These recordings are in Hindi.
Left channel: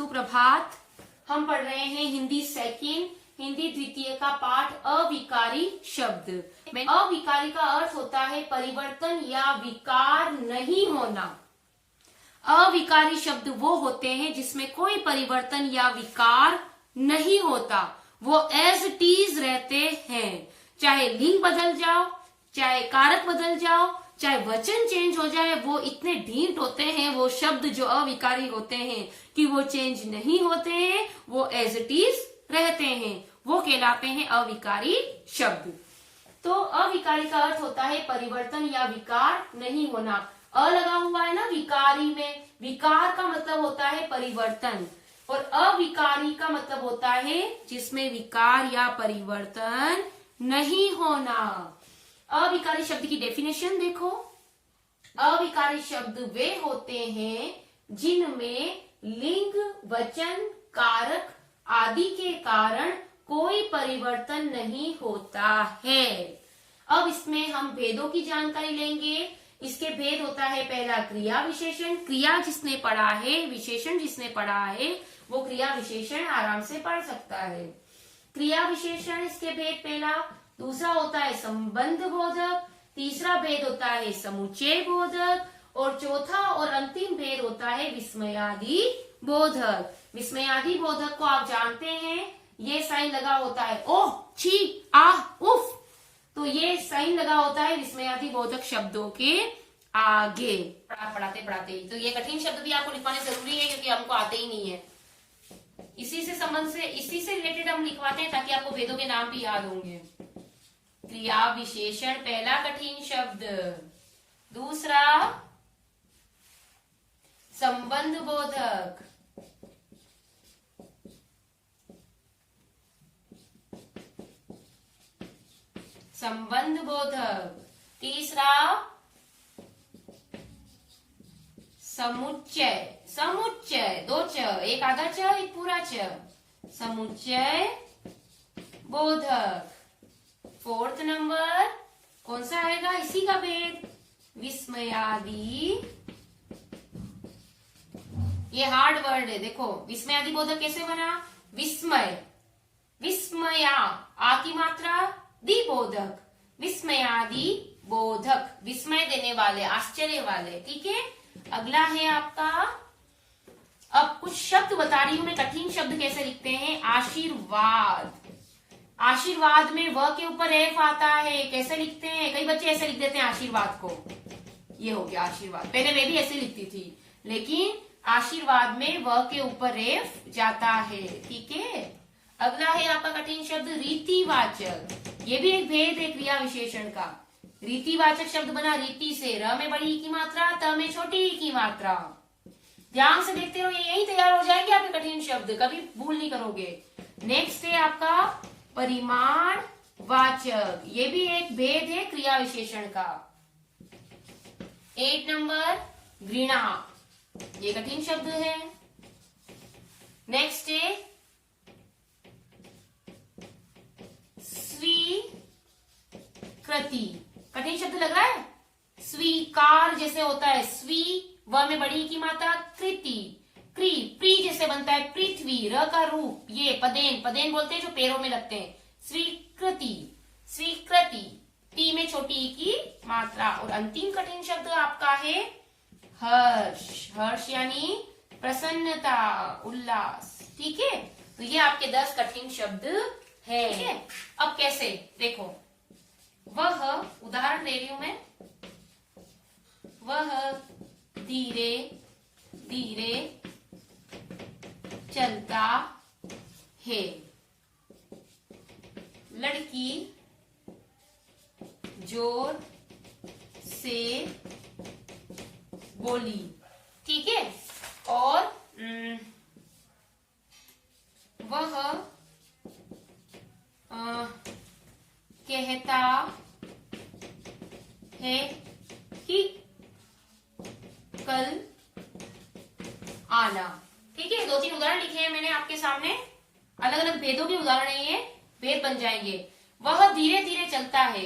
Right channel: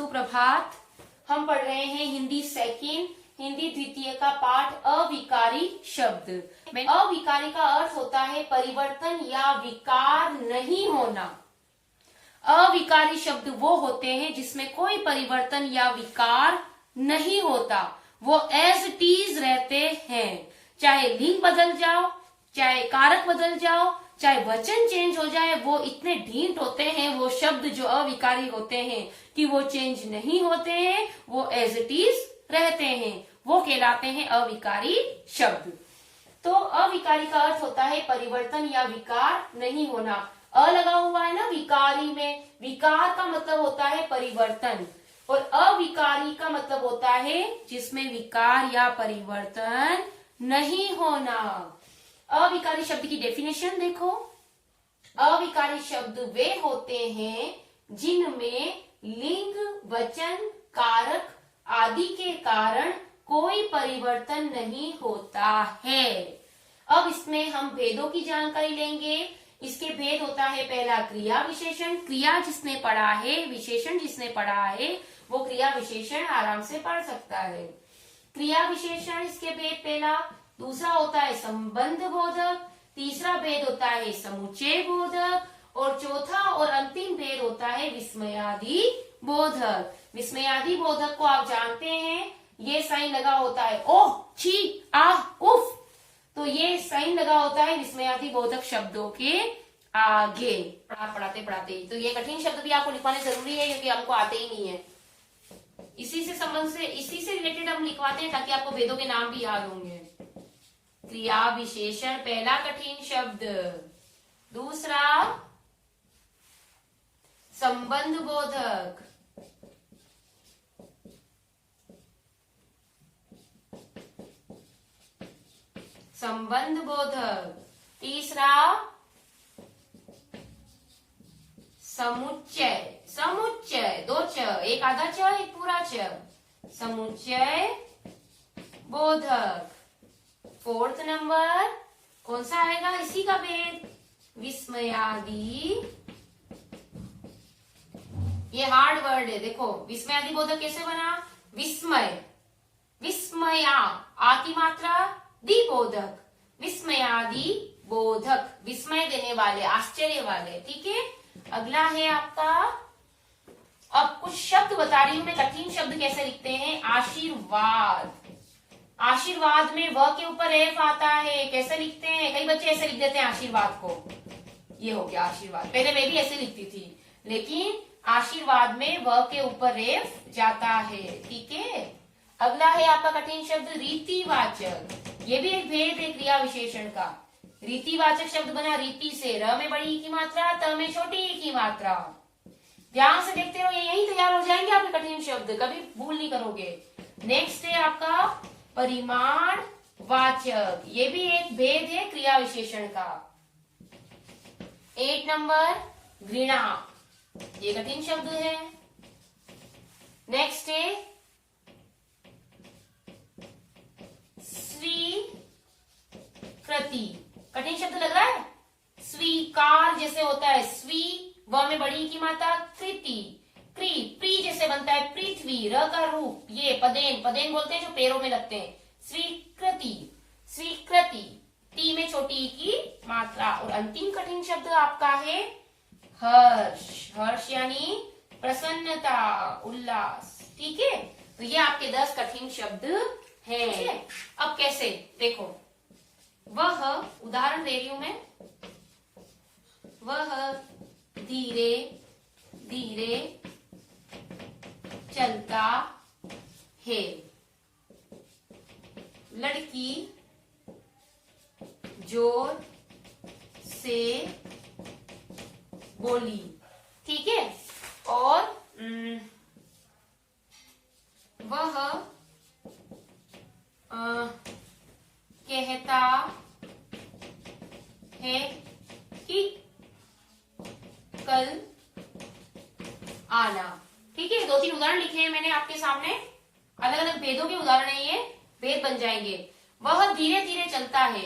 सुप्रभात। हम पढ़ रहे हैं हिंदी सेकंड, हिंदी द्वितीय का पाठ अविकारी शब्द। अविकारी का अर्थ होता है परिवर्तन या विकार नहीं होना। अविकारी शब्द वो होते हैं जिसमें कोई परिवर्तन या विकार नहीं होता, वो एज इट इज रहते हैं। चाहे लिंग बदल जाओ, चाहे कारक बदल जाओ, चाहे वचन चेंज हो जाए, वो इतने ढीठ होते हैं वो शब्द जो अविकारी होते हैं कि वो चेंज नहीं होते हैं, वो एज इट इज रहते हैं, वो कहलाते हैं अविकारी शब्द। तो अविकारी का अर्थ होता है परिवर्तन या विकार नहीं होना। अ लगा हुआ है ना विकारी में, विकार का मतलब होता है परिवर्तन और अविकारी का मतलब होता है जिसमें विकार या परिवर्तन नहीं होना। अविकारी शब्द की डेफिनेशन देखो। अविकारी शब्द वे होते हैं जिनमें लिंग, वचन, कारक आदि के कारण कोई परिवर्तन नहीं होता है। अब इसमें हम भेदों की जानकारी लेंगे। इसके भेद होता है पहला क्रिया विशेषण। क्रिया जिसने पढ़ा है, विशेषण जिसने पढ़ा है, वो क्रिया विशेषण आराम से पढ़ सकता है। क्रिया विशेषण इसके भेद पहला। दूसरा होता है संबंध बोधक। तीसरा भेद होता है समुच्चय बोधक और चौथा और अंतिम भेद होता है विस्मयादि बोधक। विस्मयादि बोधक को आप जानते हैं, ये साइन लगा होता है ओह, छी, आह, उफ, तो ये साइन लगा होता है विस्मयादि बोधक शब्दों के आगे। पढ़ाते पढ़ाते ही तो ये कठिन शब्द भी आपको लिखवाने जरूरी है क्योंकि आपको आते ही नहीं है। इसी से संबंध से, इसी से रिलेटेड हम लिखवाते हैं ताकि आपको भेदों के नाम भी याद होंगे। क्रिया विशेषण पहला कठिन शब्द। दूसरा संबंध बोधक। संबंध बोधक। तीसरा समुच्चय। समुच्चय, दो च, एक आधा च, एक पूरा च, समुच्चय बोधक। फोर्थ नंबर कौन सा आएगा इसी का भेद, विस्मयादि। ये हार्ड वर्ड है, देखो विस्मयादि बोधक कैसे बना, विस्मय, विस्मया, आ की मात्रा, दी बोधक, विस्मयादि बोधक, विस्मय देने वाले, आश्चर्य वाले। ठीक है, अगला है आपका, अब कुछ शब्द बता रही हूं मैं, कठिन शब्द कैसे लिखते हैं। आशीर्वाद। आशीर्वाद में व के ऊपर एफ आता है, कैसे लिखते हैं, कई बच्चे ऐसे लिख देते हैं आशीर्वाद को, ये हो गया आशीर्वाद। पहले मैं भी ऐसे लिखती थी, लेकिन आशीर्वाद में व के ऊपर एफ जाता है। ठीक है, अगला है आपका कठिन शब्द रीतिवाचक। ये भी एक भेद है क्रिया विशेषण का। रीतिवाचक शब्द बना रीति से, र में बड़ी की मात्रा, त में छोटी की मात्रा। ध्यान से देखते रहो, यही तैयार हो जाएंगे आपके कठिन शब्द, कभी भूल नहीं करोगे। नेक्स्ट है आपका परिमाण वाचक। ये भी एक भेद है क्रिया विशेषण का। 8 नंबर घृणा, ये कठिन शब्द है। नेक्स्ट है स्वीकृति। कठिन शब्द लग रहा है, स्वीकार जैसे होता है, स्वी व में बड़ी की मात्रा, कृति, क्री, प्री जैसे बनता है, पृथ्वी, र का रूप, ये पदेन, पदेन बोलते हैं जो पैरों में लगते हैं, स्वीकृति, स्वीकृति, टी में छोटी की मात्रा। और अंतिम कठिन शब्द आपका है हर्ष। हर्ष यानी प्रसन्नता, उल्लास। ठीक है, तो ये आपके 10 कठिन शब्द है। अब कैसे देखो, वह, उदाहरण दे रही हूं मैं, वह धीरे धीरे चलता है, लड़की जोर से बोली। ठीक है, और वह कहता है कि कल आना। ठीक है, 2-3 उदाहरण लिखे हैं मैंने आपके सामने, अलग अलग भेदों के उदाहरण है, ये भेद बन जाएंगे। वह धीरे धीरे चलता है,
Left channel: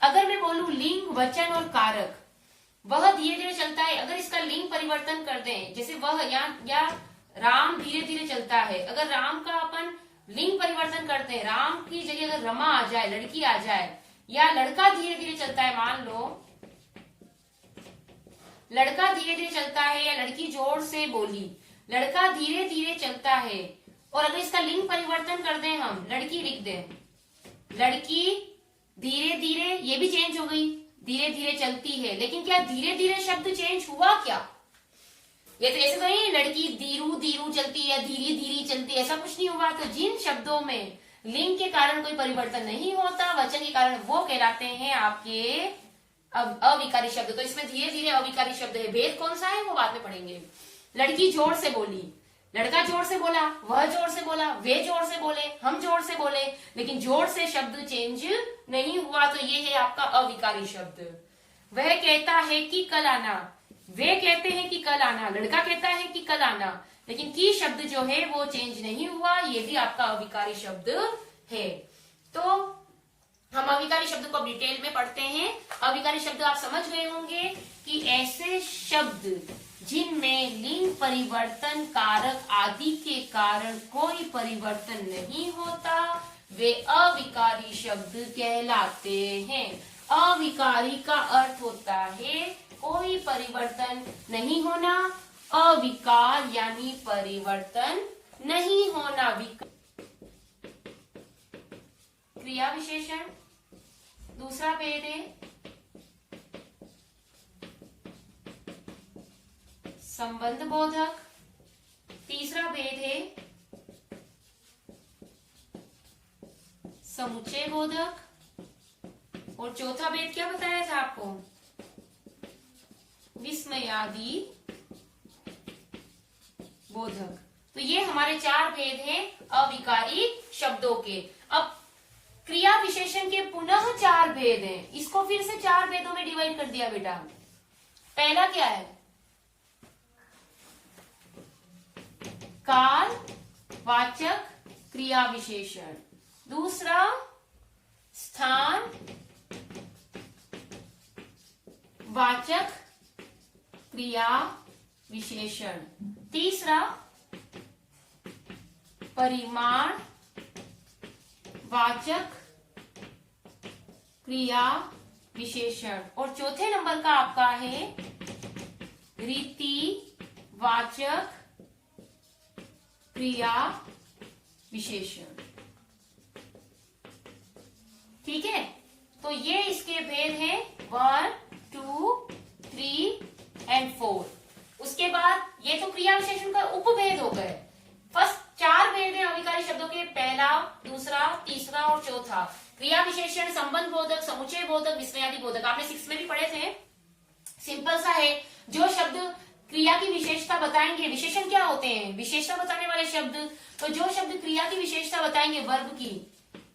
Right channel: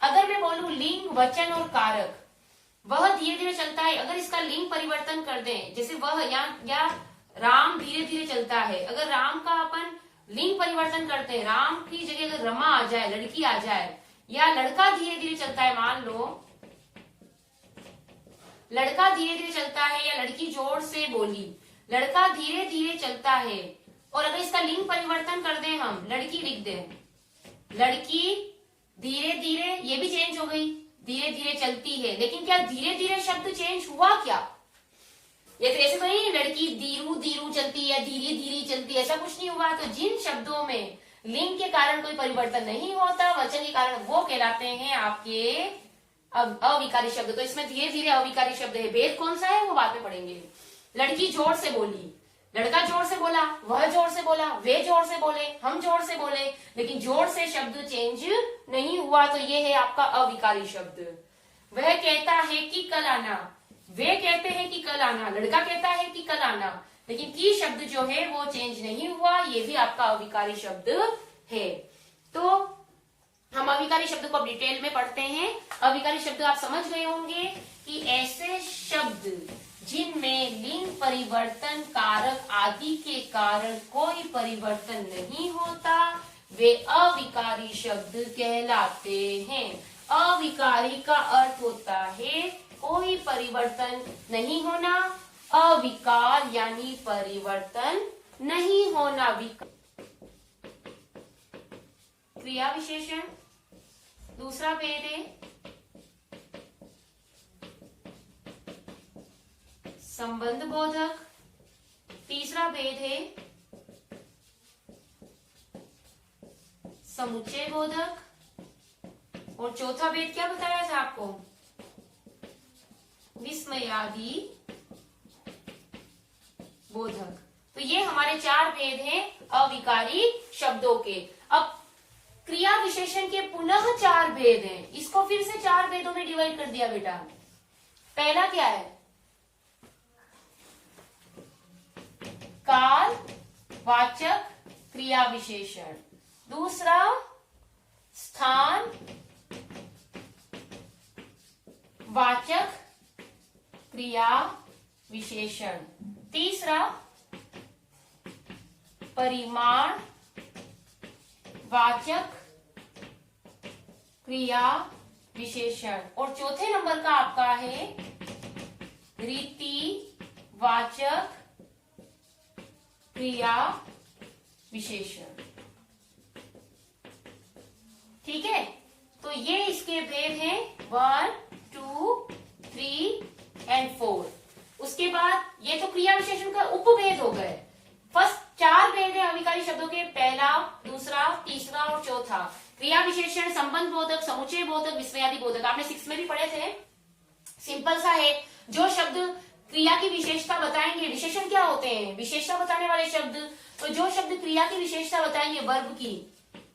अगर मैं बोलूं लिंग, वचन और कारक, वह धीरे धीरे चलता है, अगर इसका लिंग परिवर्तन कर दें, जैसे वह या राम धीरे धीरे चलता है। अगर राम का अपन लिंग परिवर्तन करते हैं, राम की जगह अगर रमा आ जाए, लड़की आ जाए, या लड़का धीरे धीरे चलता है, मान लो लड़का धीरे धीरे चलता है या लड़की जोर से बोली, लड़का धीरे धीरे चलता है, और अगर इसका लिंग परिवर्तन कर दें हम, लड़की लिख दें, लड़की धीरे धीरे, ये भी चेंज हो गई, धीरे धीरे चलती है। लेकिन क्या धीरे धीरे शब्द चेंज हुआ क्या? ये तो ऐसे तो नहीं लड़की धीरू धीरू चलती है, धीरे धीरे चलती है, ऐसा कुछ नहीं हुआ। तो जिन शब्दों में लिंग के कारण कोई परिवर्तन नहीं होता, वचन के कारण, वो कहलाते हैं आपके अविकारी शब्द। तो इसमें धीरे धीरे अविकारी शब्द है। भेद कौन सा है वो बाद में पढ़ेंगे। लड़की जोर से बोली, लड़का जोर से बोला, वह जोर से बोला, वे जोर से बोले, हम जोर से बोले, लेकिन जोर से शब्द चेंज नहीं हुआ। तो ये है आपका अविकारी शब्द। वह कहता है कि कल आना, वे कहते हैं कि कल आना, लड़का कहता है कि कल आना, लेकिन की शब्द जो है वो चेंज नहीं हुआ, ये भी आपका अविकारी शब्द है। तो हम अविकारी शब्द को डिटेल में पढ़ते हैं। अविकारी शब्द आप समझ गए होंगे कि ऐसे शब्द जिनमें लिंग परिवर्तन कारक आदि के कारण कोई परिवर्तन नहीं होता, वे अविकारी शब्द कहलाते हैं। अविकारी का अर्थ होता है कोई परिवर्तन नहीं होना, अविकार यानी परिवर्तन नहीं होना। क्रिया विशेषण दूसरा भेद है संबंध बोधक, तीसरा भेद है समुच्चय बोधक, और चौथा भेद क्या बताया था आपको? विस्मयादि बोधक। तो ये हमारे 4 भेद हैं अविकारी शब्दों के। अब क्रिया विशेषण के पुनः 4 भेद हैं, इसको फिर से 4 भेदों में डिवाइड कर दिया बेटा। पहला क्या है? काल वाचक क्रिया विशेषण। दूसरा स्थान वाचक क्रिया विशेषण। तीसरा परिमाण वाचक क्रिया विशेषण। और चौथे नंबर का आपका है रीति वाचक क्रिया विशेषण। ठीक है, तो ये इसके भेद हैं 1, 2, 3 एंड 4। उसके बाद ये तो क्रिया विशेषण का उपभेद हो गए। फर्स्ट 4 भेद हैं अविकारी शब्दों के, पहला, दूसरा, तीसरा और चौथा। क्रिया विशेषण, संबंध बोधक, समुच्चय बोधक, विस्मयादि बोधक। आपने 6 में भी पढ़े थे। सिंपल सा है, जो शब्द क्रिया की विशेषता बताएंगे, विशेषण क्या होते हैं? विशेषता बताने वाले शब्द। तो जो शब्द क्रिया की विशेषता बताएंगे वर्ब की,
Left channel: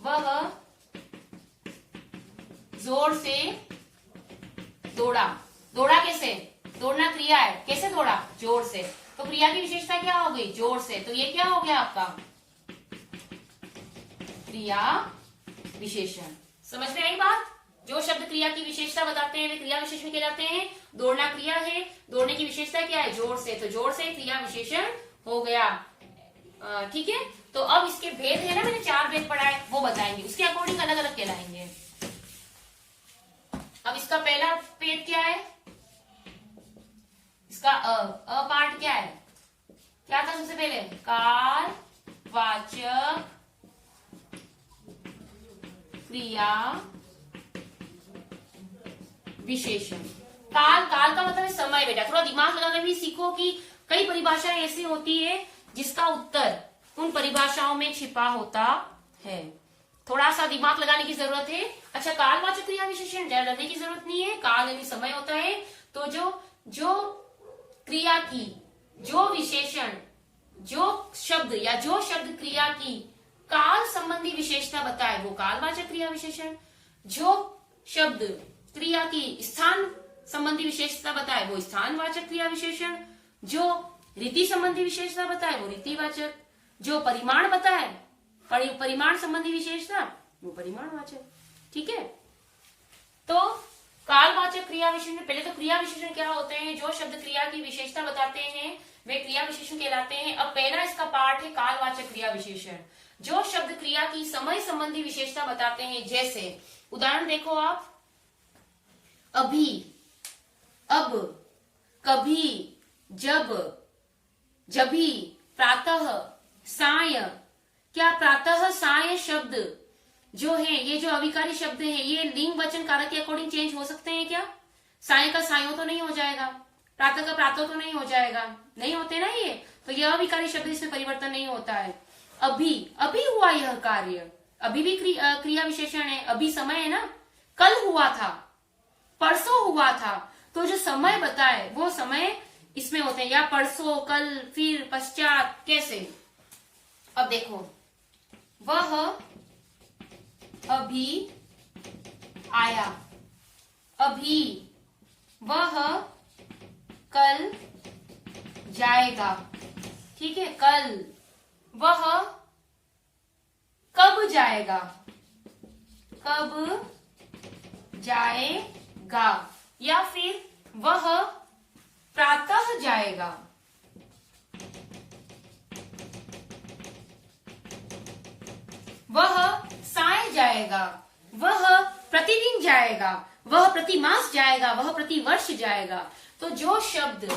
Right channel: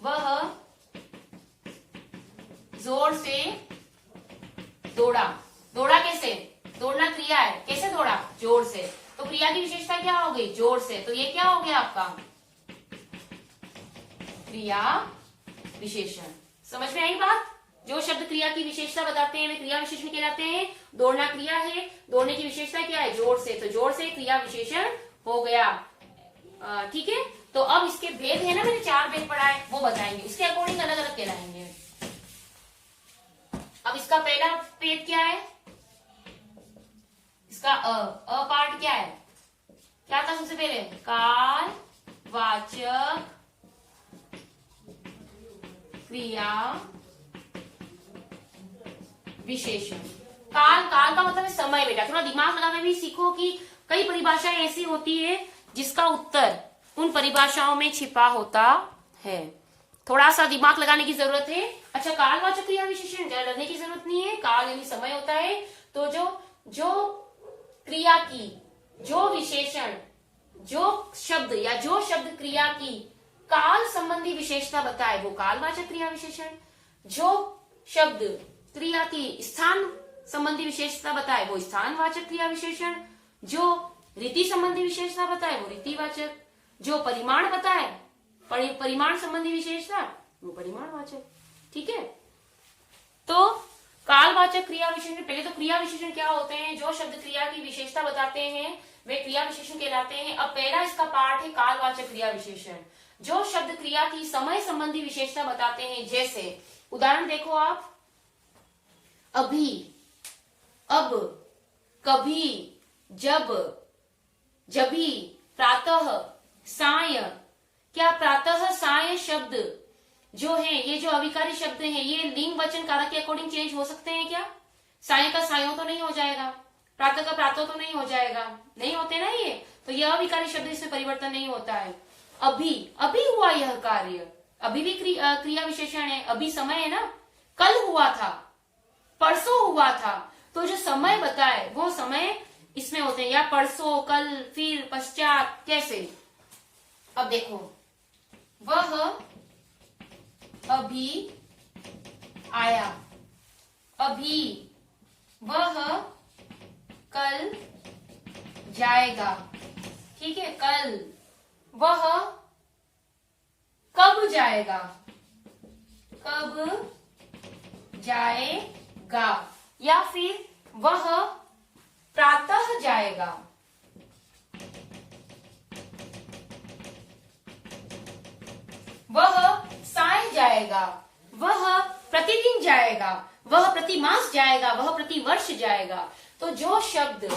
वह जोर से दौड़ा। दौड़ा कैसे? दौड़ना क्रिया है, कैसे दौड़ा? जोर से। तो क्रिया की विशेषता क्या हो गई? जोर से। तो ये क्या हो गया आपका? क्रिया विशेषण। समझ में आई बात? जो शब्द क्रिया की विशेषता बताते हैं वे क्रिया विशेषण कहलाते हैं। दौड़ना क्रिया है, दौड़ने की विशेषता क्या है? जोर से। तो जोर से क्रिया विशेषण हो गया। ठीक है, तो अब इसके भेद है ना, मैंने 4 भेद पढ़ा है, वो बताएंगे, उसके अकॉर्डिंग अलग अलग कहलाएंगे। अब इसका पहला भेद क्या है? इसका अ पार्ट क्या है? क्या था सबसे पहले? काल वाचक क्रिया विशेषण। काल, काल का मतलब है समय बेटा। थोड़ा दिमाग लगाकर भी सीखो कि कई परिभाषाएं ऐसी होती है जिसका उत्तर उन परिभाषाओं में छिपा होता है। थोड़ा सा दिमाग लगाने की जरूरत है। अच्छा, कालवाचक क्रिया विशेषण ज्यादा लगने की जरूरत नहीं है। काल यानी समय होता है। तो जो क्रिया की, जो विशेषण, जो शब्द या जो शब्द क्रिया की काल संबंधी विशेषता बताए वो कालवाचक क्रिया विशेषण। जो शब्द क्रिया की स्थान संबंधी विशेषता बताए वो स्थानवाचक क्रिया विशेषण। जो रीति संबंधी विशेषता बताए वो रीतिवाचक। जो परिमाण बताए, परिमाण संबंधी विशेषता, वो परिमाणवाचक। ठीक है, तो कालवाचक क्रिया विशेषण। पहले तो क्रिया विशेषण क्या होते हैं? जो शब्द क्रिया की विशेषता बताते हैं वे क्रिया विशेषण कहलाते हैं। अब पहला इसका पार्ट है कालवाचक क्रिया विशेषण, जो शब्द क्रिया की समय संबंधी विशेषता बताते हैं। जैसे उदाहरण देखो आप, अभी, अब, कभी, जब, जभी, प्रातः, साय। क्या प्रातः साय शब्द जो है, ये जो अविकारी शब्द है, ये लिंग वचन कारक के अकॉर्डिंग चेंज हो सकते हैं क्या? साय का सायो तो नहीं हो जाएगा, प्रातः का प्रातः तो नहीं हो जाएगा, नहीं होते ना ये, तो यह अविकारी शब्द, इसमें परिवर्तन नहीं होता है। अभी, अभी हुआ यह कार्य, अभी भी क्रिया विशेषण है। अभी समय है ना, कल हुआ था, परसों हुआ था, तो जो समय बताए वो समय इसमें होते हैं, या परसों, कल, फिर, पश्चात, कैसे। अब देखो, वह अभी आया, अभी, वह कल जाएगा, ठीक है, कल, वह कब जाएगा, कब जाएगा, या फिर वह प्रातः जाएगा, वह साय जाएगा, वह प्रतिदिन जाएगा, वह प्रति मास जाएगा, वह प्रति वर्ष जाएगा। तो जो शब्द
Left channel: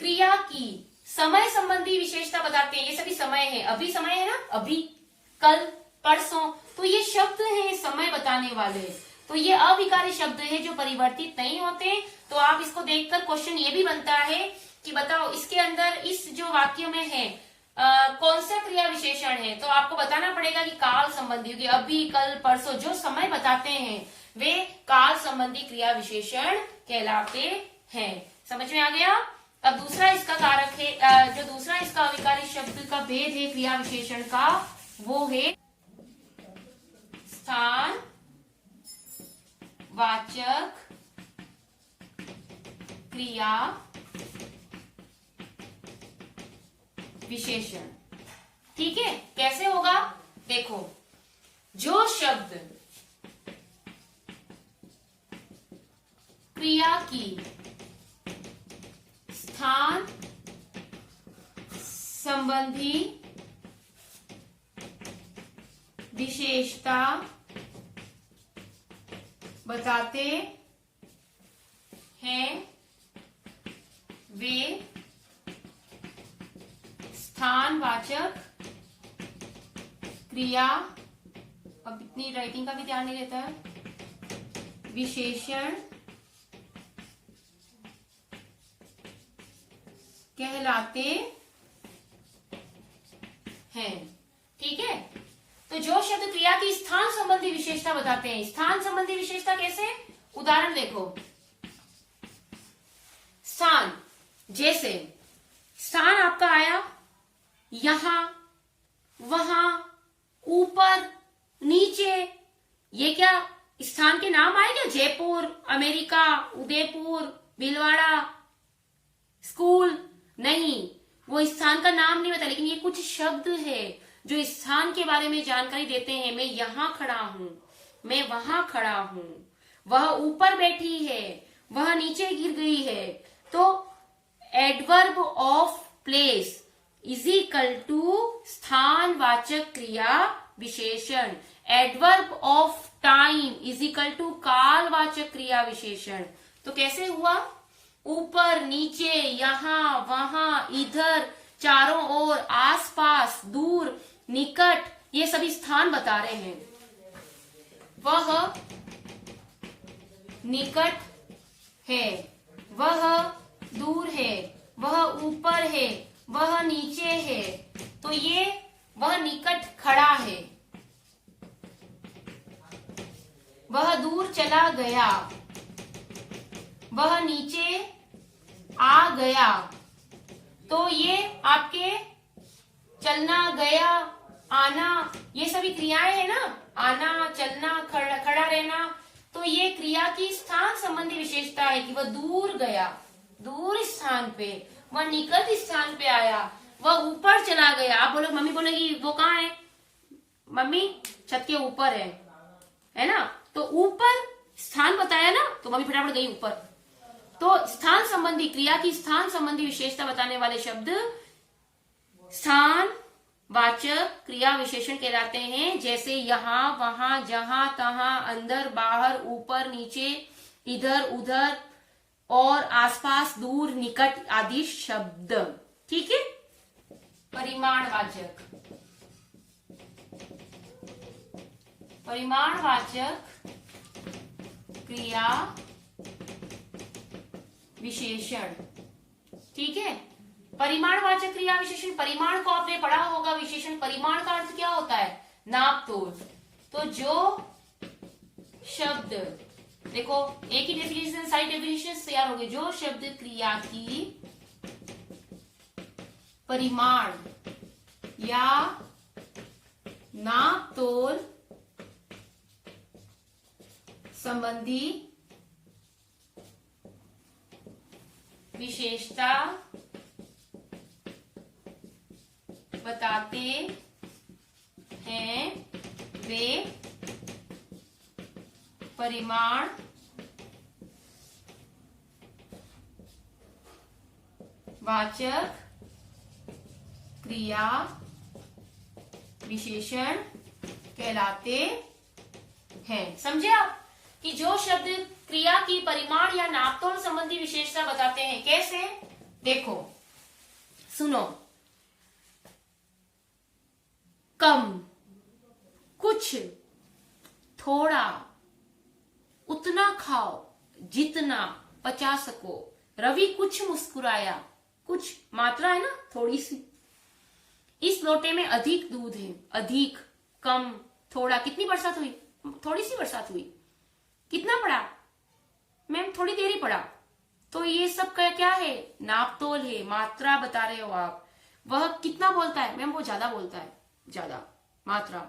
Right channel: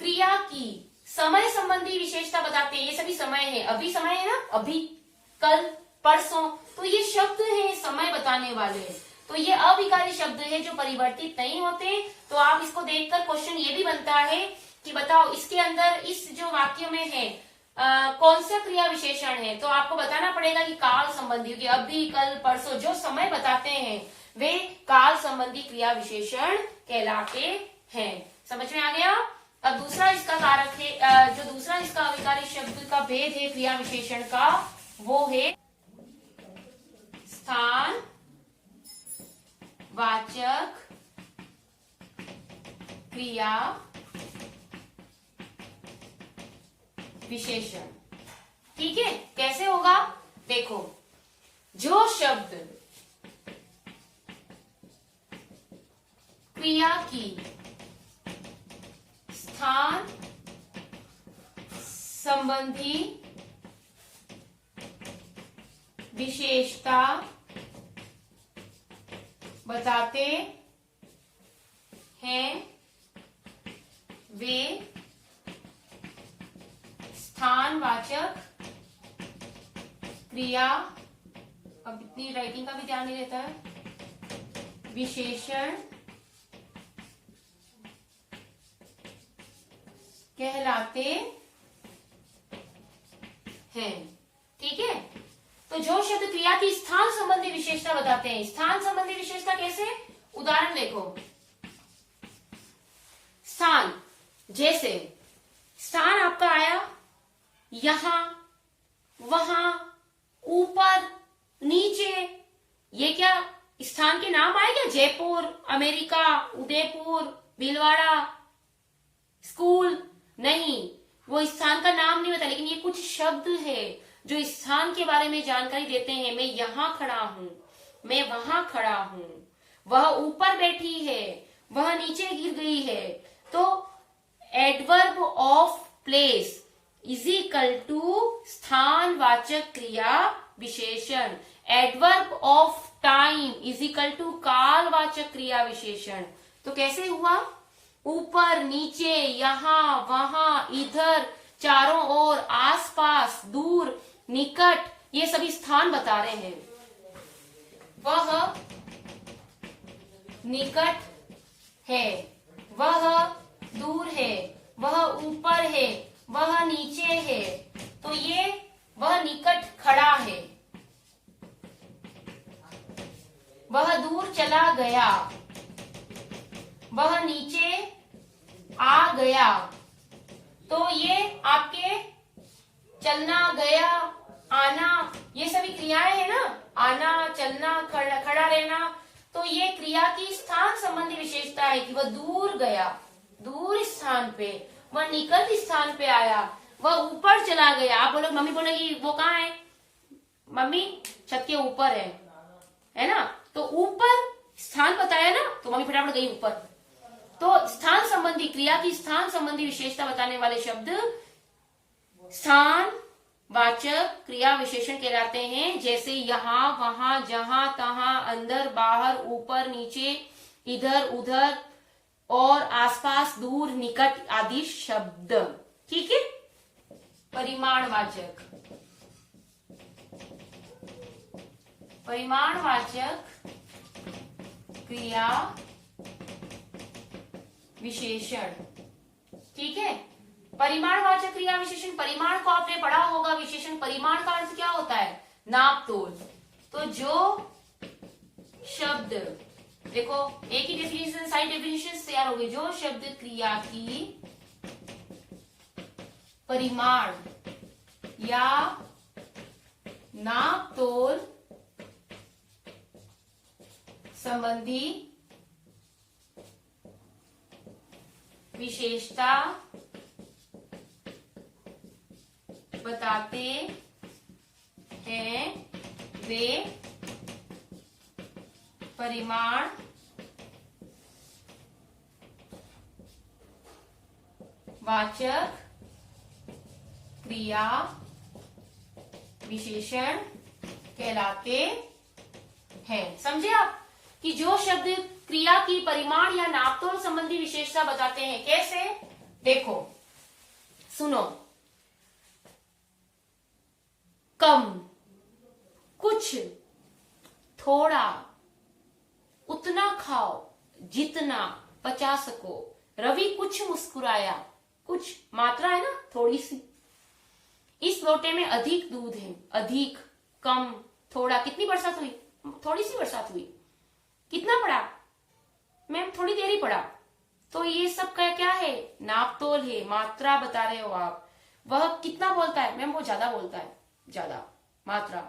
क्रिया की समय संबंधी विशेषता बताते हैं, ये सभी समय है, अभी समय है ना, अभी, कल, परसों, तो ये शब्द हैं समय बताने वाले। तो ये अविकारी शब्द है जो परिवर्तित नहीं होते। तो आप इसको देखकर क्वेश्चन ये भी बनता है कि बताओ इसके अंदर इस जो वाक्य में है कौन सा क्रिया विशेषण है, तो आपको बताना पड़ेगा कि काल संबंधी, क्योंकि अभी, कल, परसों जो समय बताते हैं वे काल संबंधी क्रिया विशेषण कहलाते हैं। समझ में आ गया। अब दूसरा इसका कारक है, जो दूसरा इसका अविकारी शब्द का भेद है क्रिया विशेषण का, वो है स्थान वाचक क्रिया विशेषण। ठीक है, कैसे होगा देखो, जो शब्द क्रिया की स्थान संबंधी विशेषता बताते हैं वे स्थानवाचक क्रिया, अब इतनी राइटिंग का भी ध्यान नहीं रहता है, विशेषण कहलाते हैं। ठीक है, तो जो शब्द क्रिया की स्थान संबंधी विशेषता बताते हैं, स्थान संबंधी विशेषता कैसे, उदाहरण देखो, स्थान, जैसे स्थान आपका आया यहां, वहां, ऊपर, नीचे, ये क्या स्थान के नाम आएगा? जयपुर, अमेरिका, उदयपुर, भीलवाड़ा, स्कूल, नहीं, वो स्थान का नाम नहीं बता, लेकिन ये कुछ शब्द है जो स्थान के बारे में जानकारी देते हैं। मैं यहां खड़ा हूं, मैं वहां खड़ा हूं, वह ऊपर बैठी है, वह नीचे गिर गई है। तो adverb of place is equal to स्थानवाचक क्रिया विशेषण। Adverb of time is equal to कालवाचक क्रिया विशेषण। तो कैसे हुआ, ऊपर, नीचे, यहां, वहां, इधर, चारों ओर, आसपास, दूर, निकट, ये सभी स्थान बता रहे हैं। वह निकट है, वह दूर है, वह ऊपर है, वह नीचे है। तो ये वह निकट खड़ा है, वह दूर चला गया, वह नीचे आ गया। तो ये आपके चलना, गया, आना, ये सभी क्रियाएं है ना, आना, चलना, खड़ा रहना। तो ये क्रिया की स्थान संबंधी विशेषता है कि वह दूर गया, दूर स्थान पे, वह निकट स्थान पे आया, वह ऊपर चला गया। आप बोलो, मम्मी बोलेगी वो कहाँ है, मम्मी छत के ऊपर है ना, तो ऊपर स्थान बताया ना, तो मम्मी फटाफट गई ऊपर। तो स्थान संबंधी, क्रिया की स्थान संबंधी विशेषता बताने वाले शब्द स्थान वाचक क्रिया विशेषण कहलाते हैं। जैसे यहाँ, वहां, जहां, तहां, अंदर, बाहर, ऊपर, नीचे, इधर, उधर और आसपास, दूर, निकट आदि शब्द। ठीक है। परिमाणवाचक, परिमाणवाचक क्रिया विशेषण। ठीक है। परिमाणवाचक क्रिया विशेषण, परिमाण को आपने पढ़ा होगा। विशेषण, परिमाण का अर्थ क्या होता है? नाप तोल। तो जो शब्द, देखो एक ही डेफिनेशन, साइड डेफिनेशन तैयार हो गए। जो शब्द क्रिया की परिमाण या नाप तोल संबंधी विशेषता बताते हैं वे परिमाण वाचक क्रिया विशेषण कहलाते हैं। समझे आप कि जो शब्द क्रिया की परिमाण या नापतोल संबंधी विशेषता बताते हैं। कैसे? देखो, सुनो। कम, कुछ, थोड़ा, उतना खाओ जितना पचा सको। रवि कुछ मुस्कुराया। कुछ मात्रा है ना, थोड़ी सी। इस लोटे में अधिक दूध है। अधिक, कम, थोड़ा। कितनी बरसात हुई? थोड़ी सी बरसात हुई। कितना पड़ा? मैम थोड़ी देर ही पड़ा। तो ये सब का क्या है? नापतोल है, मात्रा बता रहे हो आप। वह कितना बोलता है? मैम वो ज्यादा बोलता है। ज्यादा मात्रा।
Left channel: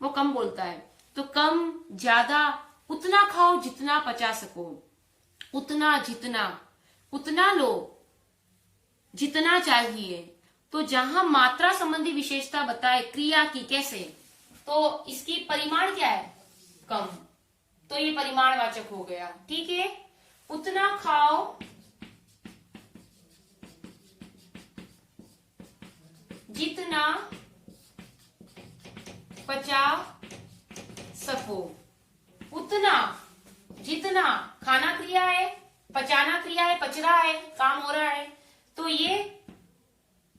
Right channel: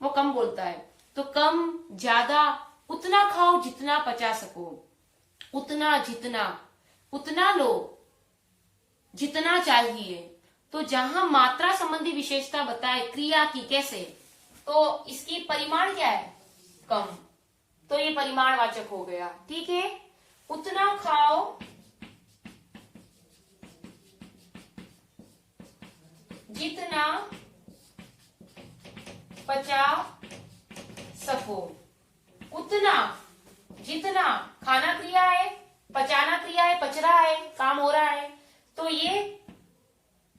वो कम बोलता है। तो कम, ज्यादा, उतना खाओ जितना पचा सको। उतना, जितना, उतना लो जितना चाहिए। तो जहां मात्रा संबंधी विशेषता बताए क्रिया की, कैसे? तो इसकी परिमाण क्या है? कम। तो ये परिमाणवाचक हो गया। ठीक है। उतना खाओ जितना पचा सको। उतना, जितना, खाना क्रिया है, पचाना क्रिया है, पच रहा है, काम हो रहा है। तो ये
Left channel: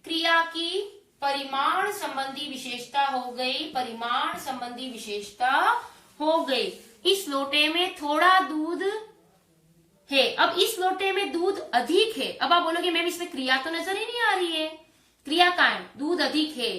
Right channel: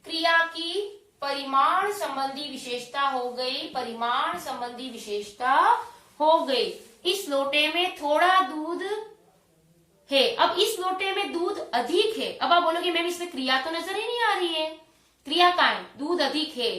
क्रिया की परिमाण संबंधी विशेषता हो गई। परिमाण संबंधी विशेषता हो गई। इस लोटे में थोड़ा दूध है। अब इस लोटे में दूध अधिक है। अब आप बोलोगे मैम इसमें क्रिया तो नजर ही नहीं आ रही है। क्रिया का है, दूध अधिक है।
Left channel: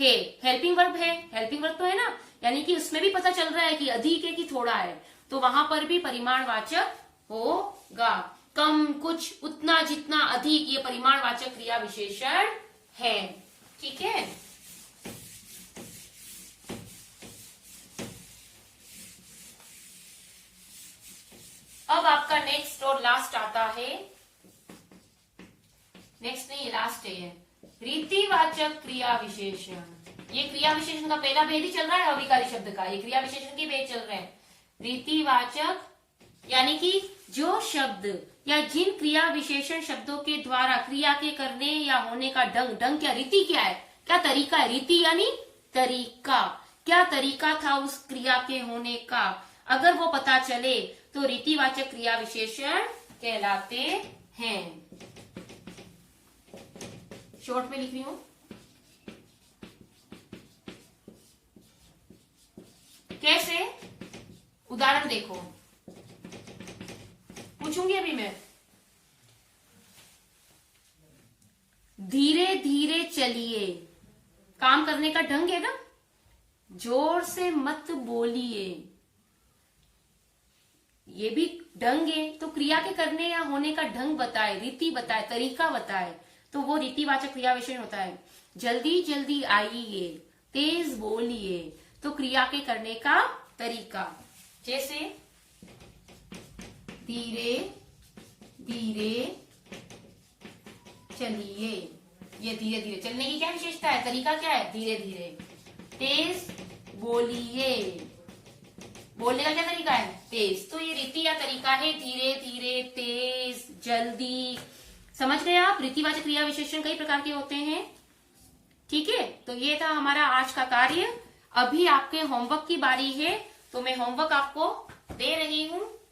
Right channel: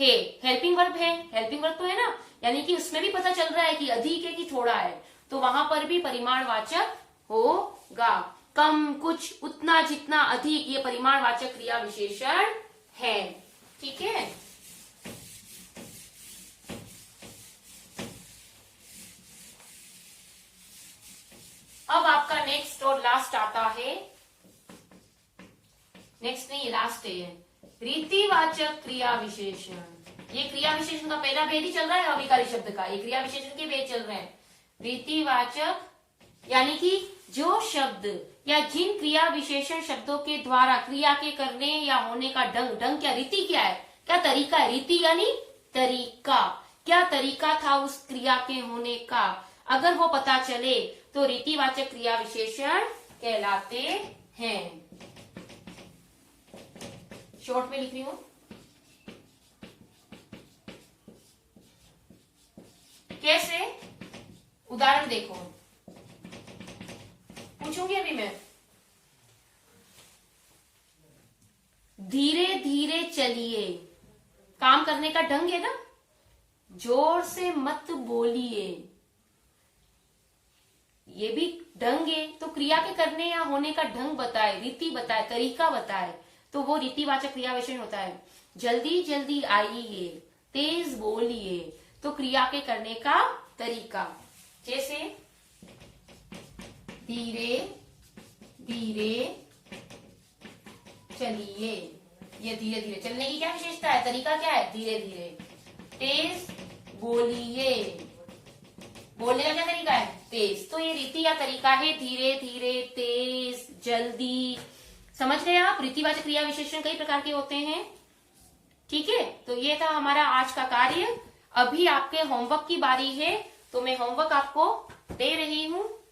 हेल्पिंग वर्ब है। हेल्पिंग वर्ब तो है ना, यानी कि उसमें भी पता चल रहा है कि अधिक है कि थोड़ा है। तो वहां पर भी परिमाणवाचक होगा। कम, कुछ, उतना, जितना, अधिक, ये परिमाणवाचक क्रिया विशेषण है। ठीक है। अब आपका नेक्स्ट और लास्ट आता है। नेक्स्ट नहीं, लास्ट है। रीतिवाचक क्रिया विशेषण। ये क्रिया विशेषण का पहला भेद ही चल रहा है अविकारी शब्द का। ये क्रिया विशेषण के भेद चल रहे हैं। रीतिवाचक यानी कि जो शब्द या जिन क्रिया विशेषण शब्दों के द्वारा क्रिया के करने या होने का ढंग, ढंग क्या, रीति क्या है, क्या तरीका है। रीति यानी तरीका। क्या तरीका था उस क्रिया के होने का, अगर वो पता चले तो रीतिवाचक क्रिया विशेषण कहलाते हैं। शॉर्ट में लिख रही हूं। कैसे? उदाहरण देखो, पूछूंगी अभी मैं। धीरे धीरे चलिए, काम करने का ढंग है ना। जोर से मत बोलिए, ये भी ढंग है। तो क्रिया के करने या होने का ढंग बताए, रीति बताए, तरीका बताए, तो वो रीतिवाचक क्रिया विशेषण होता है। जल्दी जल्दी आइए, तेज बोलिए, तो क्रिया के करने का तरीका। जैसे धीरे धीरे चलिए, ये धीरे धीरे चलने की क्या विशेषता है, तरीका क्या है, धीरे धीरे। तेज बोलिए, बोलने का क्या तरीका है? तेज। तो ये रीति या तरीका है धीरे धीरे, तेज, जल्दी। समझ गए आप? रीतिवाचक क्रिया विशेषण कई प्रकार के होते हैं। ठीक है, तो ये था हमारा आज का कार्य। अभी आपके होमवर्क की बारी है, तो मैं होमवर्क आपको दे रही हूँ।